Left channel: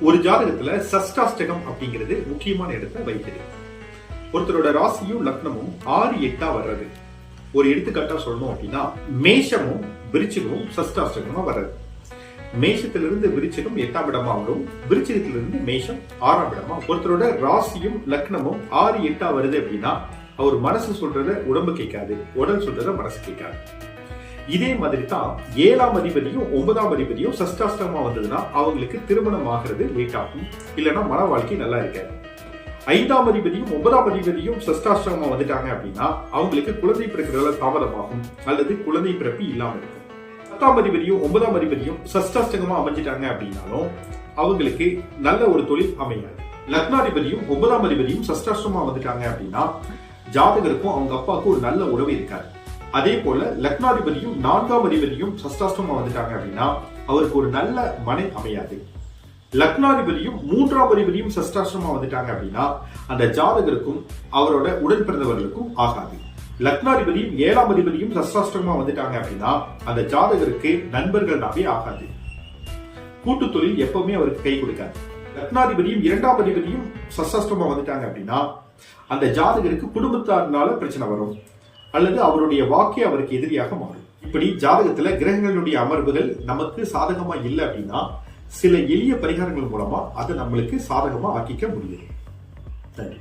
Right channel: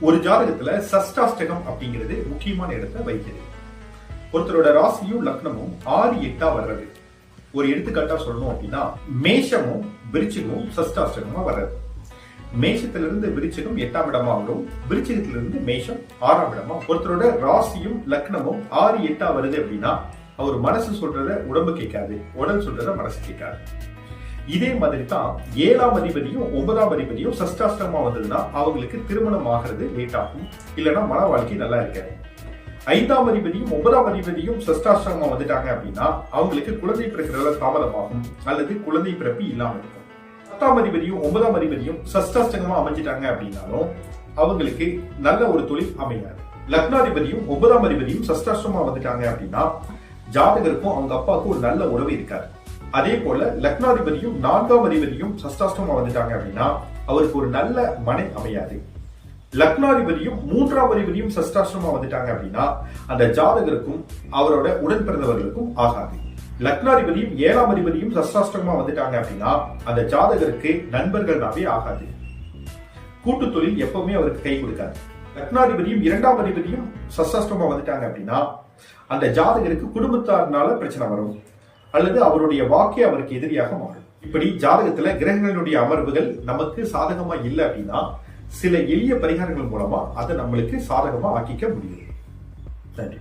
ஒரு ஜாதகத்துல சஷ்டாஷ்டகம் அப்படிங்கிறது முக்கியமான இடத்தை வகிக்கிறது ஒருத்தரோட ராசியும் லக்னமும் ஆறு எட்டா வர்றது. ஒரு எடுத்துக்காட்டா சொல்லணும் அப்படின்னா மேஷமும் விருச்சிகமும் சஷ்டாஷ்டகமா வர்றது. மேஷத்திலிருந்து விருச்சிகம் எட்டாம் இடமா வரும். விருச்சிகத்திலிருந்து மேஷம் ஆறாம் இடமா ஒருத்தரோட ராசியும் லக்னமும் ஆறு எட்டா வருது அப்படின்னா அவர் மனசு சொல்றத உடம்பு கேட்காது. உடல் சொல்றத மனசு கேட்காது. இதே மாதிரி தான் ஏழாம் அதிபதியும் ஒன்பதாம் அதிபதியும் சஷ்டாஷ்டமா வந்ததுன்னா அவங்களுக்கு திருமணம் ஆகிறது லேட் ஆகும். இல்லைன்னா மன வாழ்க்கை நல்லா இருக்காது. ஐந்தாம் அதிபதியும் ஒன்பதாம் அதிபதியும் சஷ்டாஷ்டமா வந்துட்டாங்க அப்படின்னா அவங்களுக்கு குழந்தை பிறக்கிறதுல தாமதமாகும் அல்லது குழந்தை பிறப்பு இல்லாம இருக்கும். பத்தாம் அதிபதியும் ஒன்பதாம் அதிபதியும் சஷ்டாஷ்டகமா அமைஞ்சிட்டாங்க அப்படின்னாலும் அவங்களுக்கு நல்ல ஒரு தொழில் அமையாது. லக்னாதிபதியும் ஒன்பதாம் அதிபதியும் சஷ்டாஷ்டமா வந்துட்டாங்க அப்படின்னா ஜாதகருக்கும் அவங்க அப்பாவுக்கும் ஒரு நல்ல உறவு இருக்காது. அதே போல லக்னாதிபதியும் நான்காம் அதிபதியும் சஷ்டாஷ்டமா வந்துட்டாங்க அப்படின்னா அவருக்கு ஒரு நல்ல மனை அமையாது. லக்னாதிபதியும் மூன்றாம் அதிபதியும் சஷ்டாஷ்டமா வந்துட்டாங்க அப்படின்னா அந்த ஜாதகருக்கும் அவரோட உடன் பிறந்தவர்களுக்கும் ஆகாது. லக்னாதிபதியும் ஏழாம் அதிபதியும் சஷ்டாஷ்டமா வந்துட்டாங்க அப்படின்னா அந்த ஜாதகருக்கு நண்பர்கள்னாவே ஆகாது. கூட்டு தொழில் எப்பவுமே அவருக்கு கை கொடுக்காது. லக்னாதிபதியும் இரண்டாம் அதிபதியும் சஷ்டாஷ்டமா வந்துட்டாங்க அப்படின்னா அந்த ஜாதகருக்கு குடும்பத்தாருனால பிரச்சனை வரும். அல்லது அவருடைய வாக்கே அவருக்கு எதிரியாக மாறும். இப்படி ஜாதகத்துல கிரகங்களுடைய அமர்வுகள் நமக்கு சாதகமா இல்லை அப்படின்னா சில எளிய பரிகாரங்கள் மூலமா அதை நம்மளுக்கு சாதகமா ஆக்கிக்க முடியும். நன்றி.